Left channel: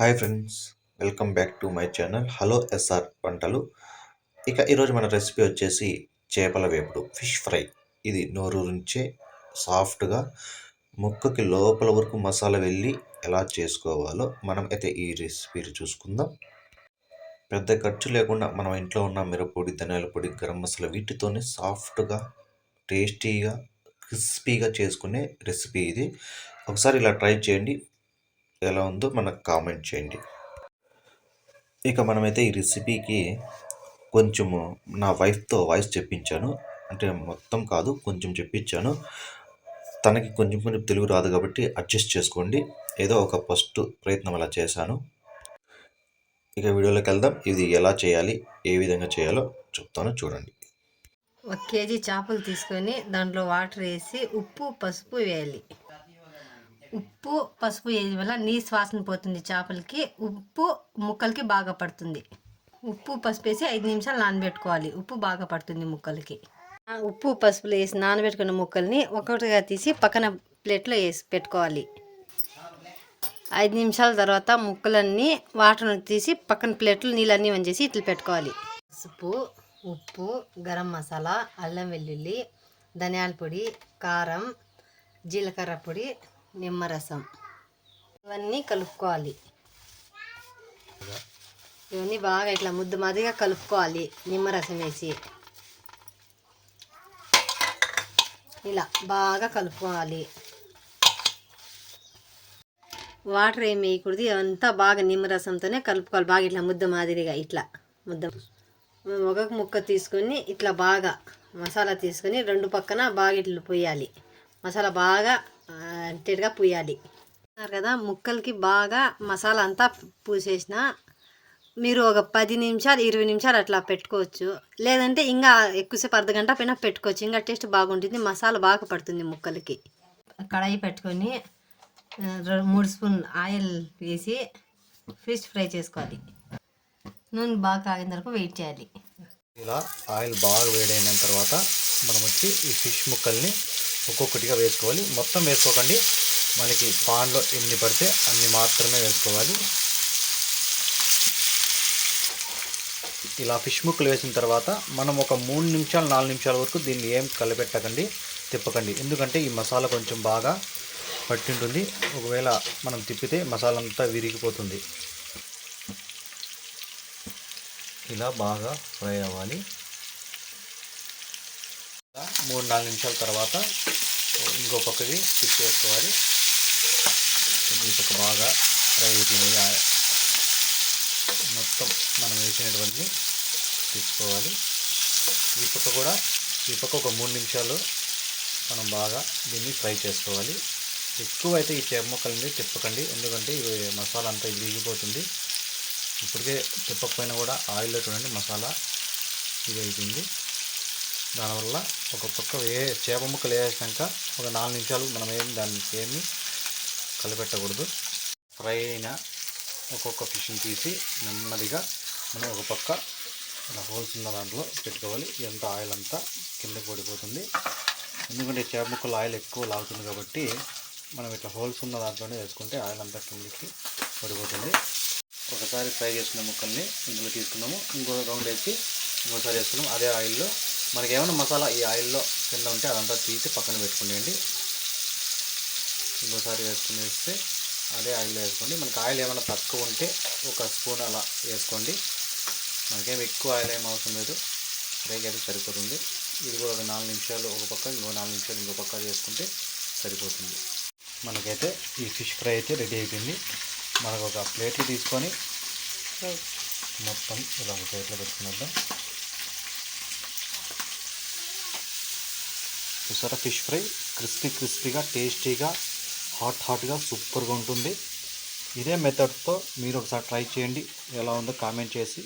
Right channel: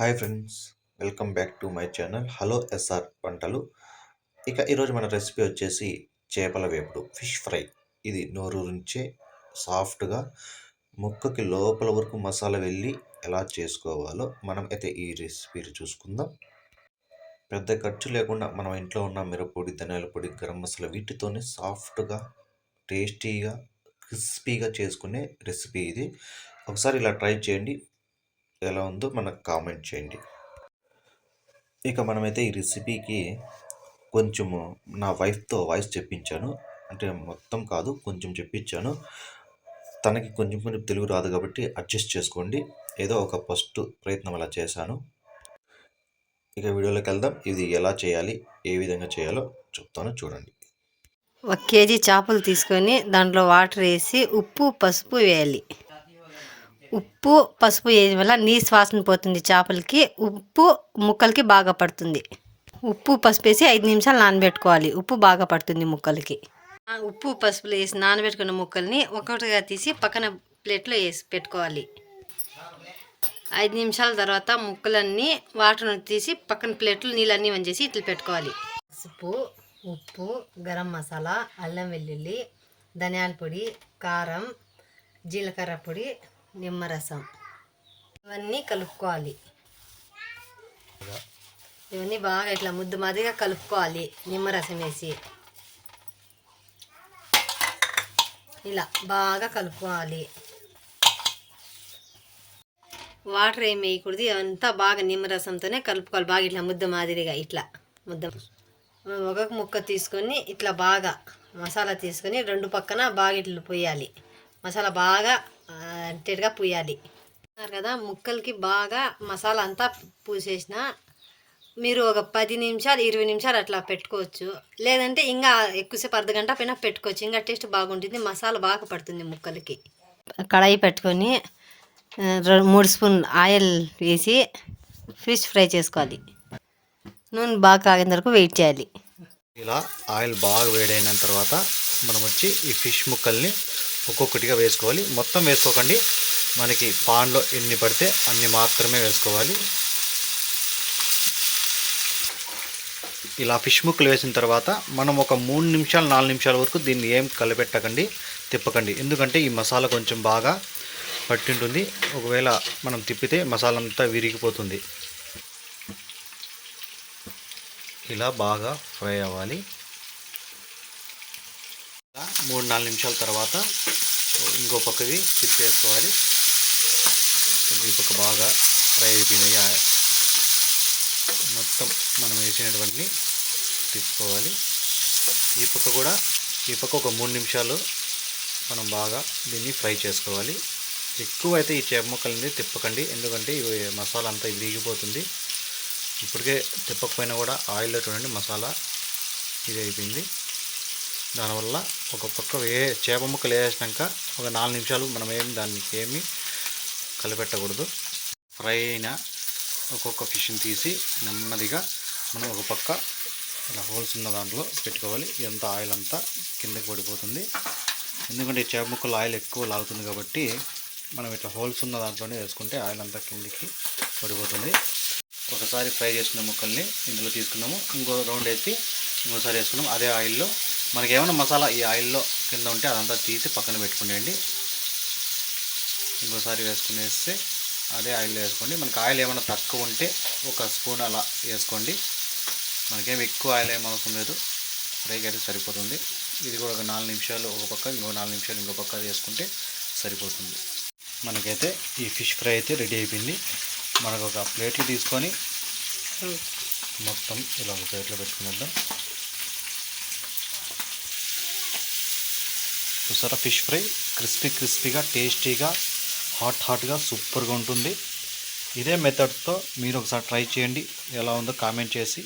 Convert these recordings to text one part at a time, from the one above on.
Hi friends, welcome back to my channel hello SR వంటలు. ఈరోజు మన రెసిపీ వచ్చేసి చేపల వేపుడు, ఫిష్ ఫ్రై. ఇది నోరూరించే సాఫ్ట్గా ముక్కకి లోపల వరకు మసాలా వెళ్ళి ఎలా చేసుకోవాలో మనం అయితే ఈ రెసిపీ చూసుకుందాం. పెద్ద ఖర్చు లేకుండా మనం ఇంట్లో ఉన్న మిరప్పొడి, ధనియాల పొడి, గరం మసాలా వీటితోనే సాఫ్ట్గా, టేస్టీగా, క్రిస్పీగా చేసుకునే రెసిపీ ఇది. ఒకసారి ఇలా ట్రై చేయండి, ఎలా ఉందో మనకు కామెంట్ చేయండి. మనమైతే ఈ రెసిపీకి కొంచెము నా వైఫ్తో వాయిస్ చెప్పించాను. అంటే మొత్తం కాదు, కొంచెం చెప్పించాను. తనకి కొంచెం కొంచెం తెలుగు రాదు కాబట్టి అడ్జస్ట్ చేసుకోండి. ఏదో ఒక ఫస్ట్ ప్రయత్నం అలా చేశాను. వీడియోలోకి వెళ్దాం. ఇది ఎలా చేయాలి, ఏ విధంగా చేయాలో చెప్తాను, చూడండి. 1 కేజీ చేపలు తీసుకొని దాంట్లో వాటర్ వేసి ఉప్పు పసుపు వేయాలి. ఉప్పు పసుపు వేయడం వల్ల నీసు వాసన పోతుంది, చేపలకి ఉప్పు ముక్కలకి బాగా పడుతుంది. ఉప్పు పసుపు వేసి 5 నిమిషాలు నానబెట్టుకోవాలి, ఉప్పు బాగా పడుతుంది ముక్కలకి. ఉప్పు పసుపులు వేసి నానబెట్టుకున్న ముక్కల్ని ఒక్కొక్కటిగా తీసి పక్కన ప్లేట్లో వేసి పెట్టుకోవాలి. 5 నిమిషాల తర్వాత ముక్కలన్నీ వాటర్ తీసి పక్కన ప్లేట్లు నీళ్ళన్నీ వంచేసి ఇట్లా పెట్టుకోవాలి. పసుపు, ఉప్పు, గరం మసాలా, అల్లం వెల్లుల్లి, ధనియాల పొడి, కారం, జీలకర్ర పొడి, నిమ్మరసం ఇవన్నీ కలుపుకోవాలి. ఇవన్నీ బాగా ఇట్లా ముద్ద మాదిరిగా కలుపుకోవాలి. నిమ్మరసం వేసి ఇలా బాగా కలుపుకోవాలి. వాటర్ ఏమి వేయకూడదు, అంతా బాగా నిమ్మరసంతోనే కలుపుకోవాలి. బాగా ఇట్లా ముద్ద మాదిరిగా ఇట్లా ముద్ద. ఒక ముక్క తీసుకొని ఇట్లా బాగా మసాలా తీసుకొని 2 పక్కన బాగా ఇట్లా పోయాలి. మసాలా బాగా అంతేగా పూయాలి కదా. ముక్కలకి బాగా మసాలా అంతా పూసేసిన మీరు ఒక 10 నిమిషాలు 20 నిమిషాలు అట్లా పెట్టుకోవచ్చు. లేదంటే ఇంకా ఎక్కువసేపు అర్ధగంట పైన పెట్టుకోవచ్చు, ఇంకా టేస్ట్ బాగుంటుంది, మసాలా బాగా పడుతుంది ముక్కలకి. కడాయి పెట్టుకొని 3 స్పూన్ ఆయిల్ వేసి ఫిష్ ఫ్రై చేసుకోవాలి. నూనె బాగా కాగిన వరకు వెయిట్ చేయాలి. ఇలా ఆయిల్ బాగా వేడైన తర్వాత మనం వచ్చి ఈ ఫిష్ ముక్కల్ని ఒక్కొక్కటిగా వేసుకోవాలి. మొత్తం వేసుకోకండి, మనకి పాన్లో ఎన్ని పడితే అన్ని మాత్రమే వేసుకోవాలి. ఇలా ఫిష్ ముక్కలు వేసిన తర్వాత మనం ఒక 3 నిమిషాలు 4 నిమిషాల వరకు దీన్ని ఏం కలిపెట్టకండి, తిప్పకండి. ఎందుకంటే ఈ మసాలా కొంచెం బాగా పట్టింటుంది. ఒకవేళ మనం తిప్పితే మసాలా అంతా విరిగిపోతుంది. ఇలా బాగా ఫ్రై అవ్వాలి. 3-4 నిమిషాల తర్వాత ఇంకో పక్కకి తిప్పేసుకోవాలి. ఈ పక్క బాగా ఫ్రై అయిపోయినాయి. మొత్తం మనం వేసినటువంటి తీసుకోవాలి. ఈ పక్క ఒక 3 నిమిషాలు మనం బాగా దీన్ని ఫ్రై చేసుకోవాలి. ఎక్కువ అయితే ఈ చేప ముక్కల్ని తిప్పకండి, ఎందుకంటే ఇవి మసాలా అంతా విరిగిపోతుంది. ఇప్పటికే తిప్పకపోయినా కూడా ఆయిల్లో చూడండి మసాలా ఇది అయిపోయింది. దానివల్ల ఒక పక్క చేప ముక్కలు వేసినాక ఒక 4 నిమిషాలు మనం దానికి ఏమీ కలిపెట్టకూడదు. ఫ్రై అయిన ఒక్కొక్క ఫిష్ని తీసి నెమ్మదిగా మనం ఒక పక్క ఇలా హోల్స్ ఉన్న దాంట్లో పెట్టుకోవాలి. ఇదంతా ఆయిల్ అంతా కిందకి పడిపోతుంది. ఎందుకంటే చేప ముక్కలు ఆయిల్ ఎక్కువ లాగుతుంది కాబట్టి మనం ఇట్లా హోల్స్ ఉన్న దాంట్లోనే వేసుకుంటే ఆయిల్ అంతా కిందికి పడిపోతుంది. ఒకసారి ఫ్రై చేసుకున్న ముక్కల్ని ఇందులో తీసుకున్నాము, ఇంకో రౌండ్ వేసి ఇంకోసారి వేసుకున్నాము. అదే ఆయిల్లో మనకి ఏమైనా మసాలా ఈ ఆయిల్లో కింద ఉంటే అదంతా తీసి పక్కన పెట్టుకునేయండి. ఇంకోసారి వేస్తే అదే ఆయిల్లో వేసుకోండి. మనకి ఆయిల్ ఏమైనా తక్కువ ఉంటే ఒక స్పూన్ అలా వేసుకోండి. మనకేం ఎక్కువ ఆయిల్ ఏం అవసరం లేదు, ఫ్రైకి అయితే సరిపోతుంది. ఇది కూడా ఒక 4 నిమిషాలు ఒక పక్క, ఇంకో 4 నిమిషాలు ఇంకో పక్క వేసుకుంటే సరిపోతుంది. మనకైతే ఈ ఫిష్ ఫ్రై అయితే రెడీ అయిపోయింది. మనకు ఒక ప్లేట్లు తీసుకొని మొత్తం ఇలా ఒక ప్లేట్లో పెట్టుకునేద్దాం. చూసారా, ఫిష్ ఫ్రై క్రిస్పీగా, టేస్టీగా, హాట్గా సూపర్గా ఉంటుంది. ఇదే మెథడ్తో మీరు ఒకసారి ట్రై చేయండి, ఎలా ఉందో కామెంట్ చేసి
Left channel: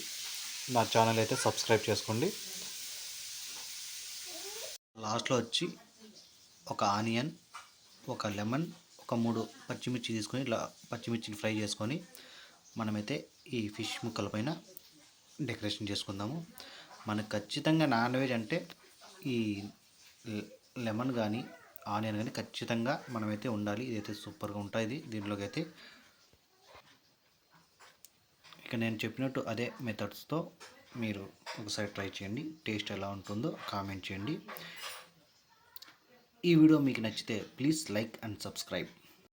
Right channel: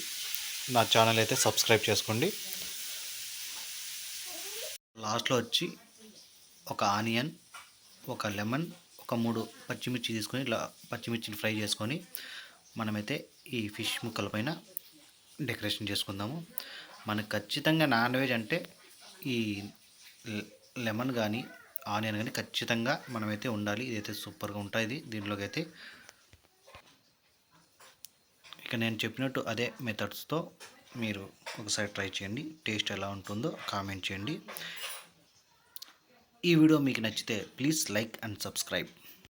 నా ఛానల్ అయితే సబ్స్క్రైబ్ చేసుకోండి. లాస్ట్లో వచ్చి ఒక ఆనియన్, ఒక లెమన్, ఒక 3 పచ్చిమిర్చి తీసుకొని ఇలా పచ్చిమిర్చిని ఫ్రై చేసుకొని మనమైతే ఈ ఫిష్ ముక్కల పైన డెకరేషన్ చేసుకుందాము. మనకు ఖచ్చితంగా నాన్ వెజ్ అంటే ఈ లెమన్ కానీ ఆనియన్ కానీ ఖచ్చితంగా మనమైతే ఉండాలి. ఇదైతే సూపర్గా ఉంటుంది. దీంట్లోకి అయితే ఇక నేను చెప్పినట్టు అదే మెథడ్స్తో మీరు ఒకసారి ట్రై చేయండి. టేస్ట్ ఎలా ఉంటుందో కామెంట్ చేయండి. ఈ వీడియో మీకు నచ్చితే ప్లీజ్ లైక్ అండ్ సబ్స్క్రైబ్.